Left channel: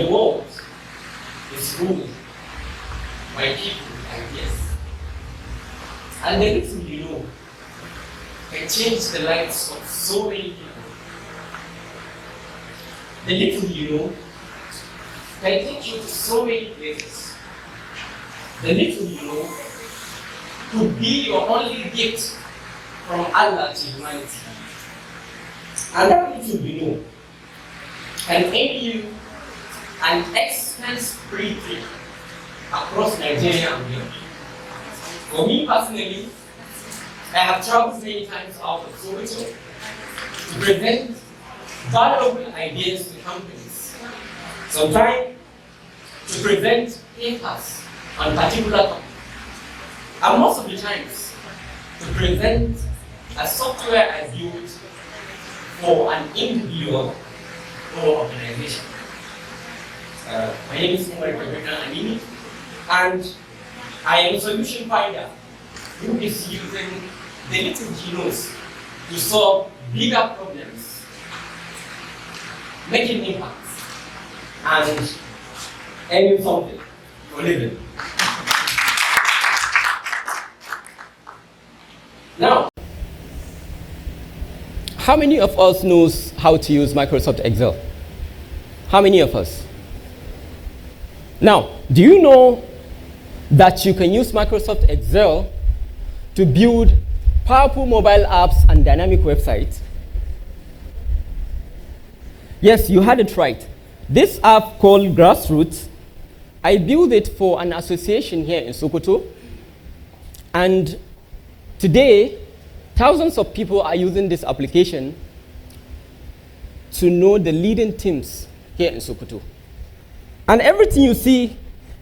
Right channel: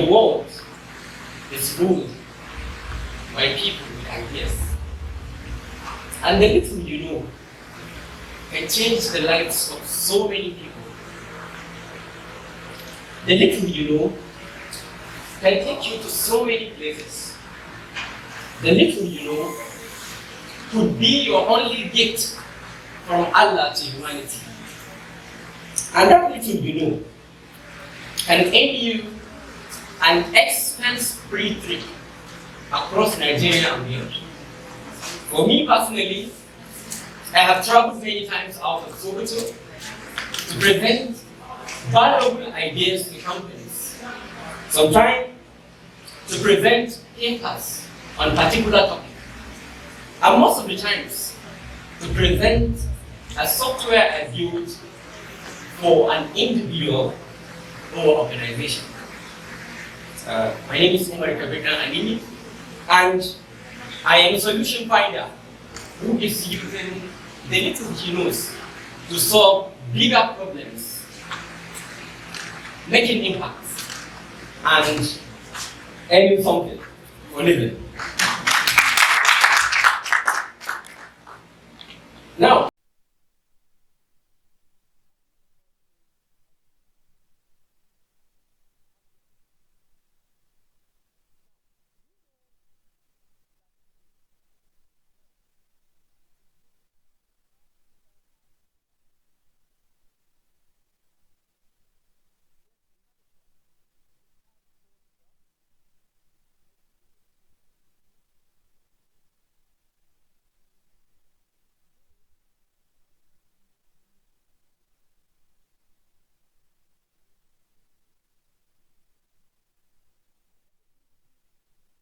the world is ruled by people with ideas. And the little you know can change the lives of so many people. The little you know can take you to so many places. The little you know could be your only gift from Allah to humanity. And that little you know can aid you an expense-free trip across Nigeria and beyond. For me personally, I have traveled many times out of Sokoto to present valuable ideas to companies. Sometimes to present papers on particular topics. And most of the times to present a software I built for an individual or organization. My name is Umar Kabir Dan-Anini, and I am a solution finder who is using the little he knows to solve bigger problems, making impacts, and earning something for living. Now, how many of us knows how to use Microsoft Excel? How many of us? Now, do you know that you can use Microsoft Excel to build powerful mobile apps and dynamic websites? Yes, you had it right. This app called Grassroots, I built it for an association here in Sokoto, and today, thousands of people are using this application to know the leading teams here in Sokoto. And everything you see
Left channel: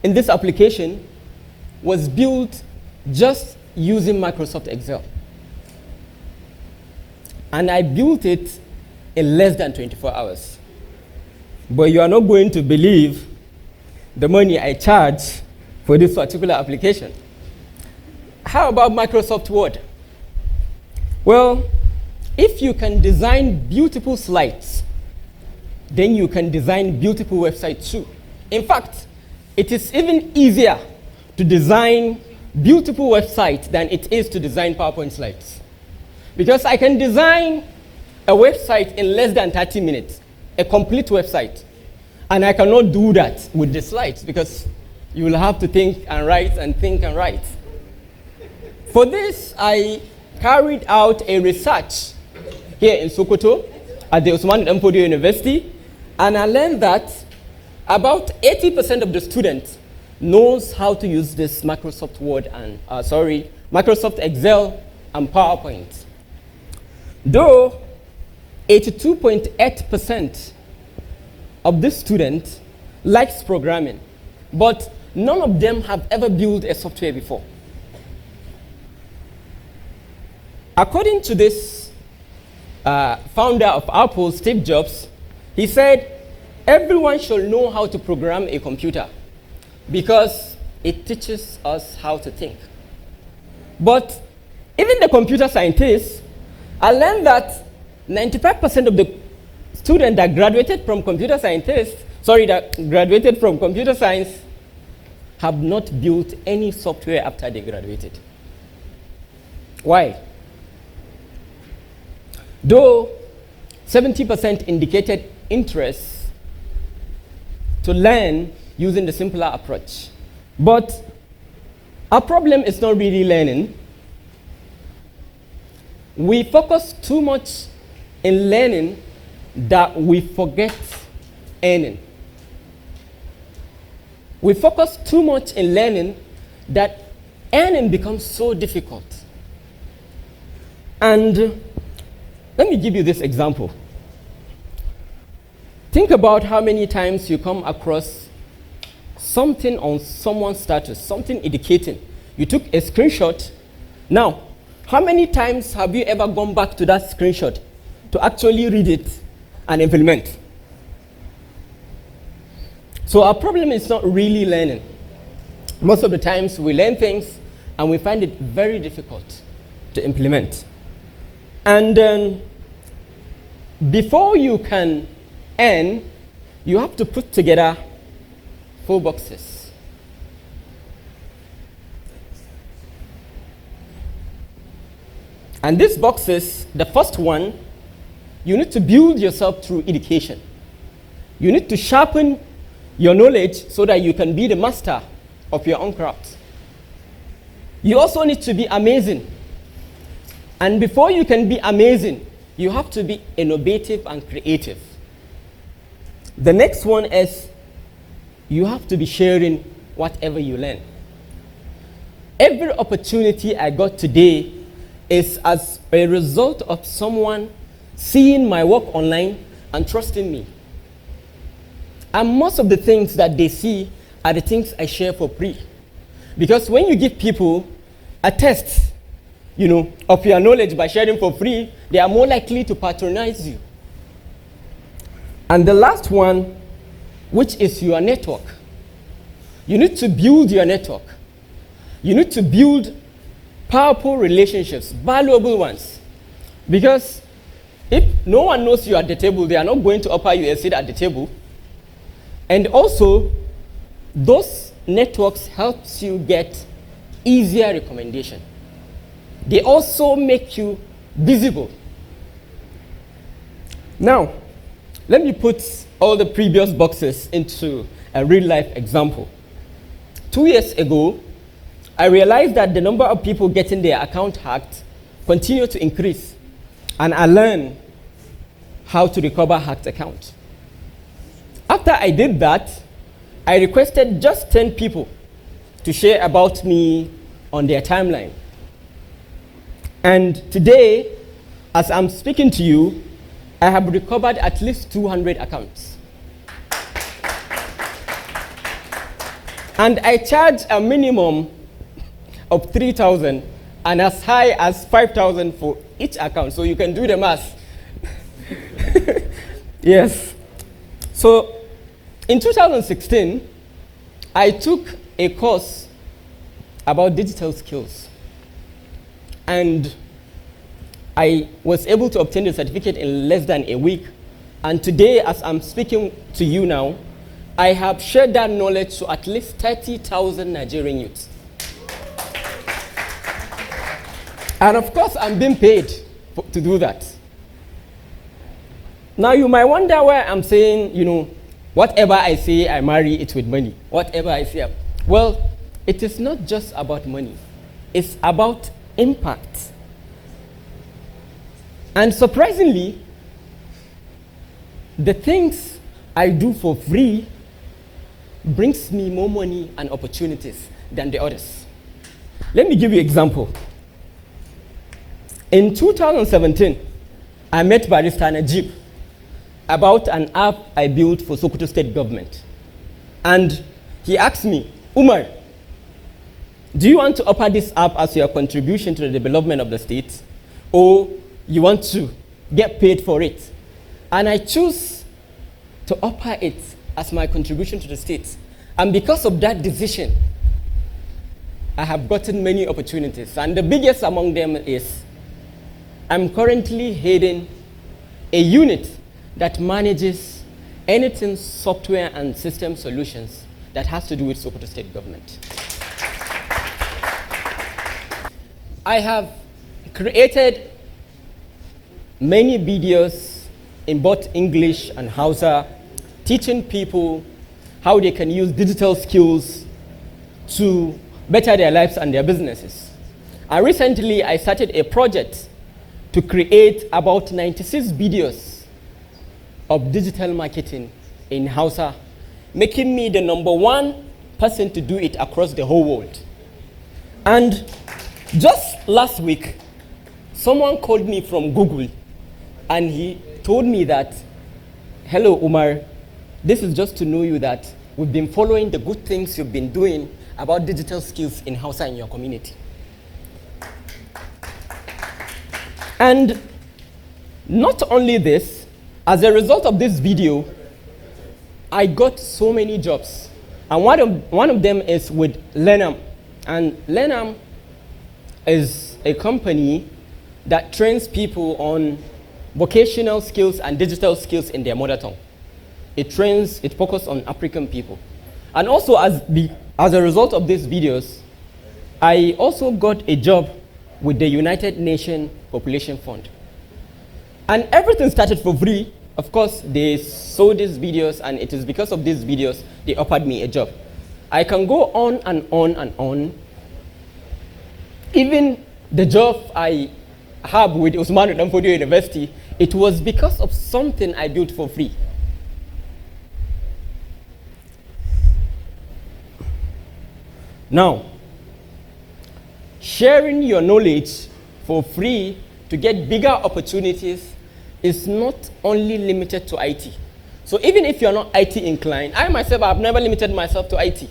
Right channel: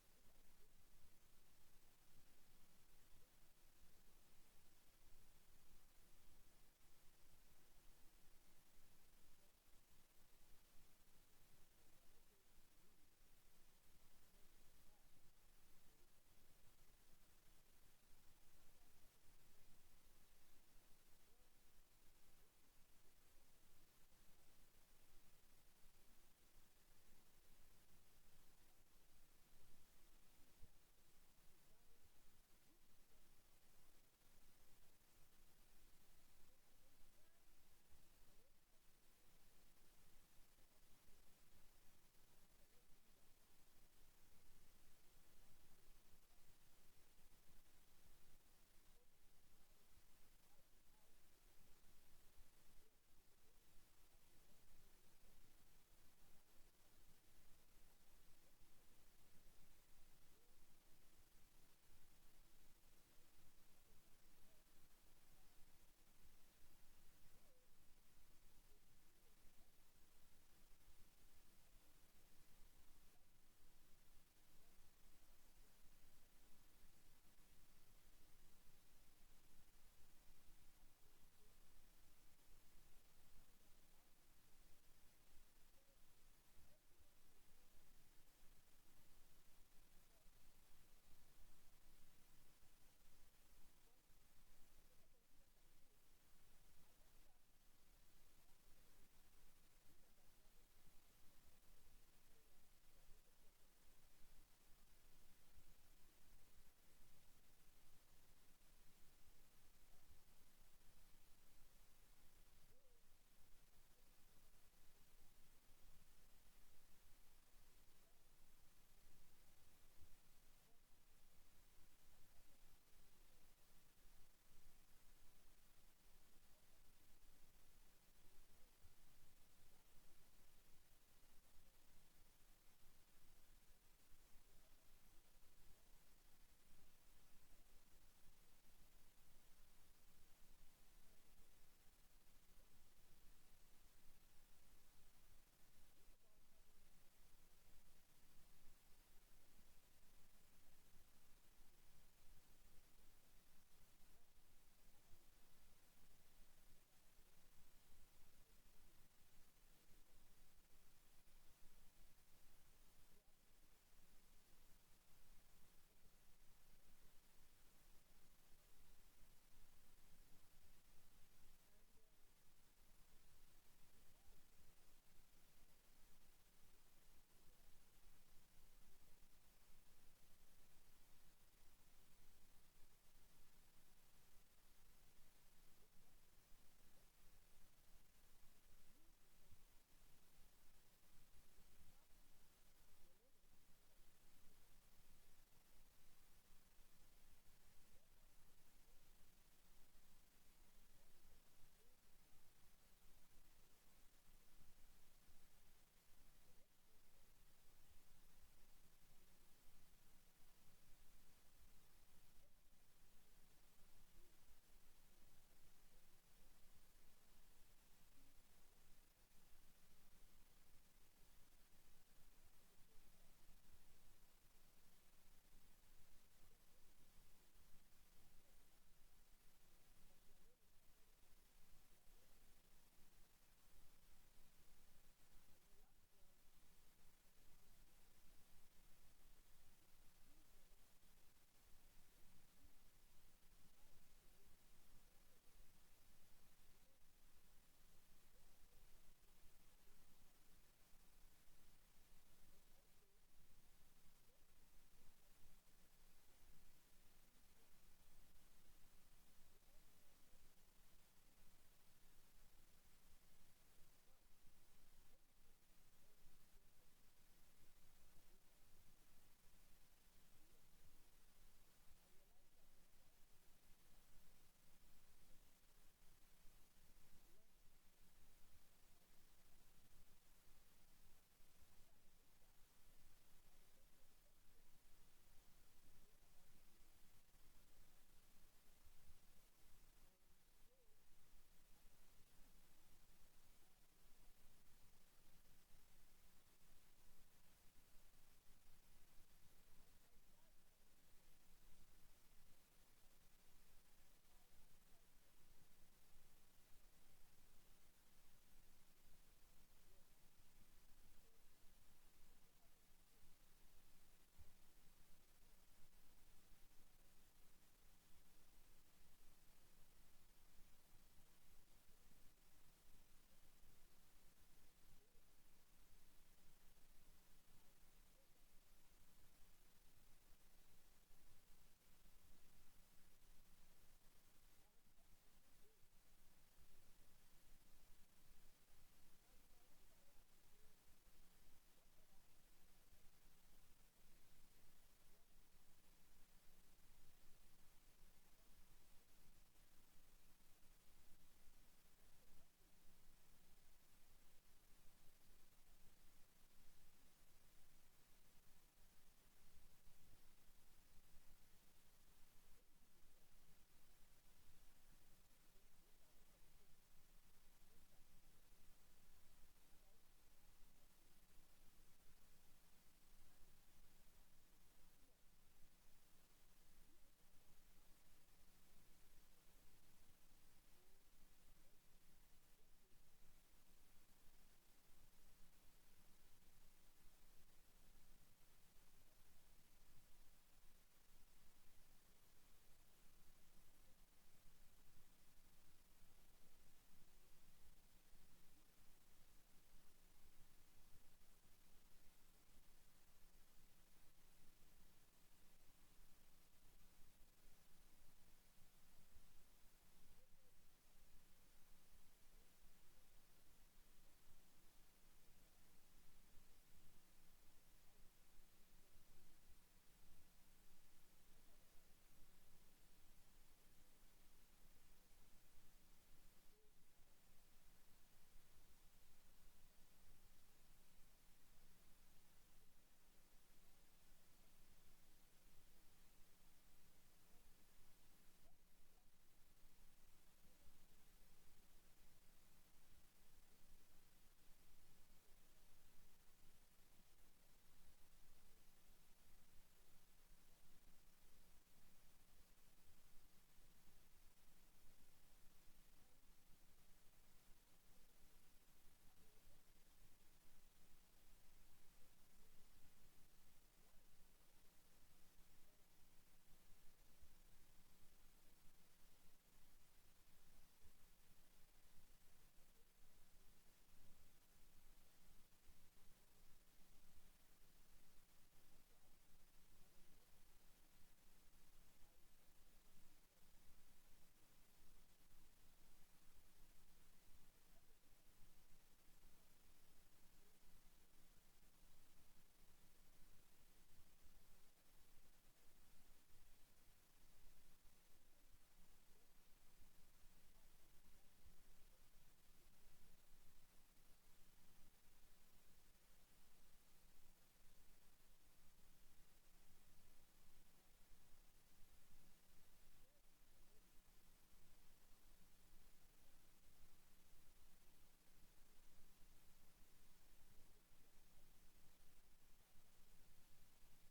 in this application was built just using Microsoft Excel. And I built it in less than 24 hours. But you are not going to believe the money I charge for this particular application. How about Microsoft Word? Well, if you can design beautiful slides, then you can design beautiful websites too. In fact, it is even easier to design beautiful websites than it is to design PowerPoint slides. Because I can design a website in less than 30 minutes, a complete website. And I cannot do that with the slides because you will have to think and write and think and write. For this, I carried out a research here in Sokoto at the Usman Danfodio University, and I learned that about 80% of the students knows how to use this Microsoft Word and, Microsoft Excel and PowerPoint. Though 82.8% of this students likes programming, but none of them have ever built a software before. According to this founder of Apple, Steve Jobs, he said, everyone should know how to program a computer because it teaches us how to think. But even the computer scientists, I learned that 95% of the students that graduated from computer science have not built any software after they graduated. Why? Though 70% indicated interest to learn using the simpler approach. But our problem is not really learning. We focus too much in learning that we forget earning. We focus too much in learning that earning becomes so difficult. And let me give you this example. Think about how many times you come across something on someone's status, something indicating. You took a screenshot. Now, how many times have you ever gone back to that screenshot to actually read it and implement? So our problem is not really learning. Most of the times we learn things and we find it very difficult to implement. And before you can earn, you have to put together 4 boxes. And these boxes, the first one, you need to build yourself through education. You need to sharpen your knowledge so that you can be the master of your own craft. You also need to be amazing. And before you can be amazing, you have to be innovative and creative. The next one is you have to be sharing whatever you learn. Every opportunity I got today is as a result of someone seeing my work online and trusting me. And most of the things that they see are the things I share for free. Because when you give people a test, of your knowledge by sharing for free, they are more likely to patronize you. And the last one, which is your network. You need to build your network. You need to build powerful relationships, valuable ones. Because if no one knows you at the table, they are not going to offer you a seat at the table. And also, those networks helps you get easier recommendation. They also make you visible. Now, let me put all the previous boxes into a real-life example. 2 years ago, I realized that the number of people getting their account hacked continued to increase, and I learned how to recover hacked accounts. After I did that, I requested just 10 people to share about me on their timeline. And today, as I'm speaking to you, I have recovered at least 200 accounts. And I charge a minimum of 3,000 and as high as 5,000 for each account. So you can do the math. Yes. So in 2016, I took a course about digital skills. And I was able to obtain the certificate in less than a week. And today, as I'm speaking to you now, I have shared that knowledge to at least 30,000 Nigerian youths. And of course, I'm being paid to do that. Now, you might wonder why I'm saying, whatever I say, I marry it with money. Whatever I say. Well, it is not just about money. It's about impact. And surprisingly, the things I do for free brings me more money and opportunities than the others. Let me give you an example. In 2017, I met Barrister Najib about an app I built for Sokoto State Government. And he asked me, Umar, do you want to offer this app as your contribution to the development of the state, or you want to get paid for it? And I choose to offer it as my contribution to the state. And because of that decision, I have gotten many opportunities. And the biggest among them is I'm currently heading a unit that manages anything software and system solutions that has to do with Sokoto State Government. I have created many videos in both English and Hausa, teaching people how they can use digital skills to better their lives and their businesses. And recently, I started a project to create about 96 videos of digital marketing in Hausa, making me the #1 person to do it across the whole world. And just last week, someone called me from Google, and he told me that, hello, Umar, this is just to know you that we've been following the good things you've been doing about digital skills in Hausa in your community. And not only this, as a result of this video, I got so many jobs. And one of them is with Lenam. And Lenam is a company that trains people on vocational skills and digital skills in their mother tongue. it focuses on African people. And also as a result of these videos, I also got a job with the United Nations Population Fund. And everything started for free. Of course, they saw these videos, and it is because of these videos they offered me a job. I can go on and on and on. Even the job I have with Usman Danfodio University, it was because of something I built for free. Now, sharing your knowledge for free to get bigger opportunities is not only limited to IT. So even if you're not IT inclined, I myself have never limited myself to IT.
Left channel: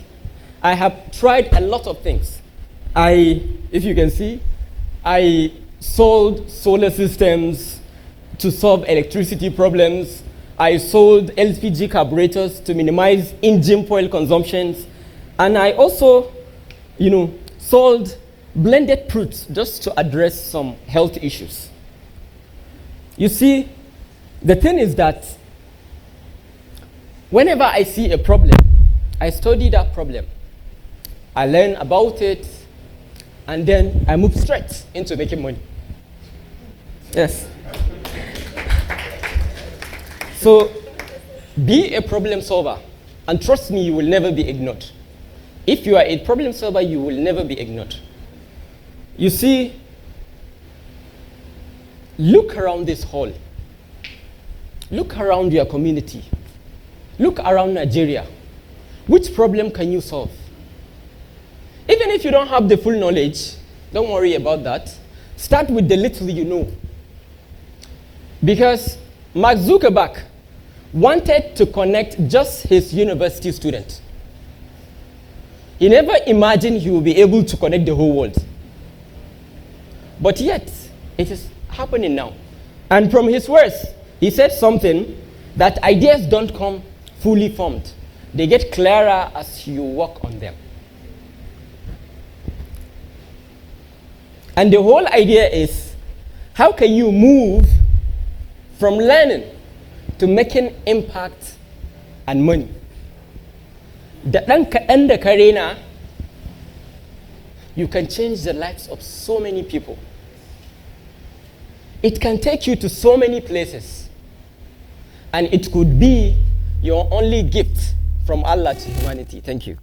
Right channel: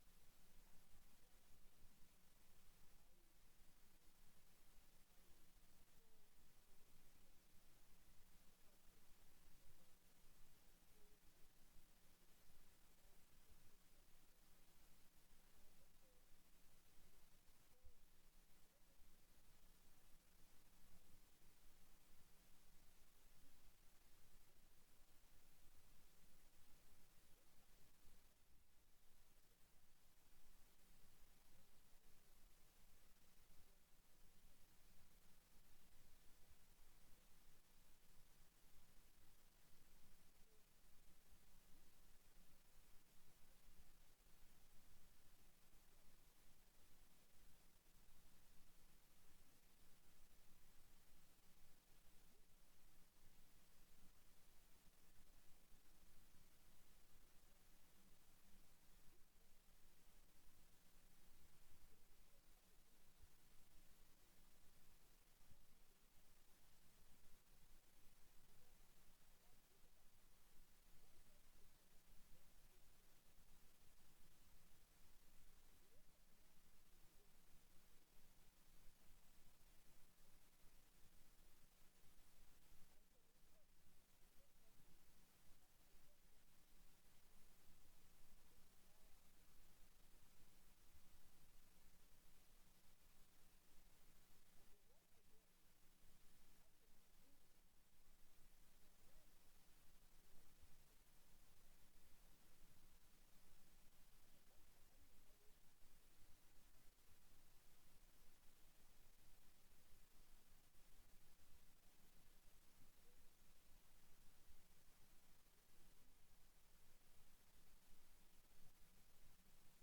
I have tried a lot of things. If you can see, I sold solar systems to solve electricity problems. I sold LPG carburetors to minimize engine oil consumptions. And I also, sold blended fruits just to address some health issues. You see, the thing is that whenever I see a problem, I study that problem. I learn about it, and then I move straight into making money. Yes. So be a problem solver, and trust me, you will never be ignored. If you are a problem solver, you will never be ignored. You see, look around this hall. Look around your community. Look around Nigeria. Which problem can you solve? Even if you don't have the full knowledge, don't worry about that. Start with the little you know. Because Mark Zuckerberg wanted to connect just his university students. He never imagined he would be able to connect the whole world. But yet, it is happening now. And from his words, he said something that ideas don't come fully formed. They get clearer as you work on them. And the whole idea is, how can you move from learning to making impact and money? Da ɗan kaɗan da ka rena, you can change the lives of so many people. It can take you to so many places. And it could be your only gift from Allah to humanity. Thank you.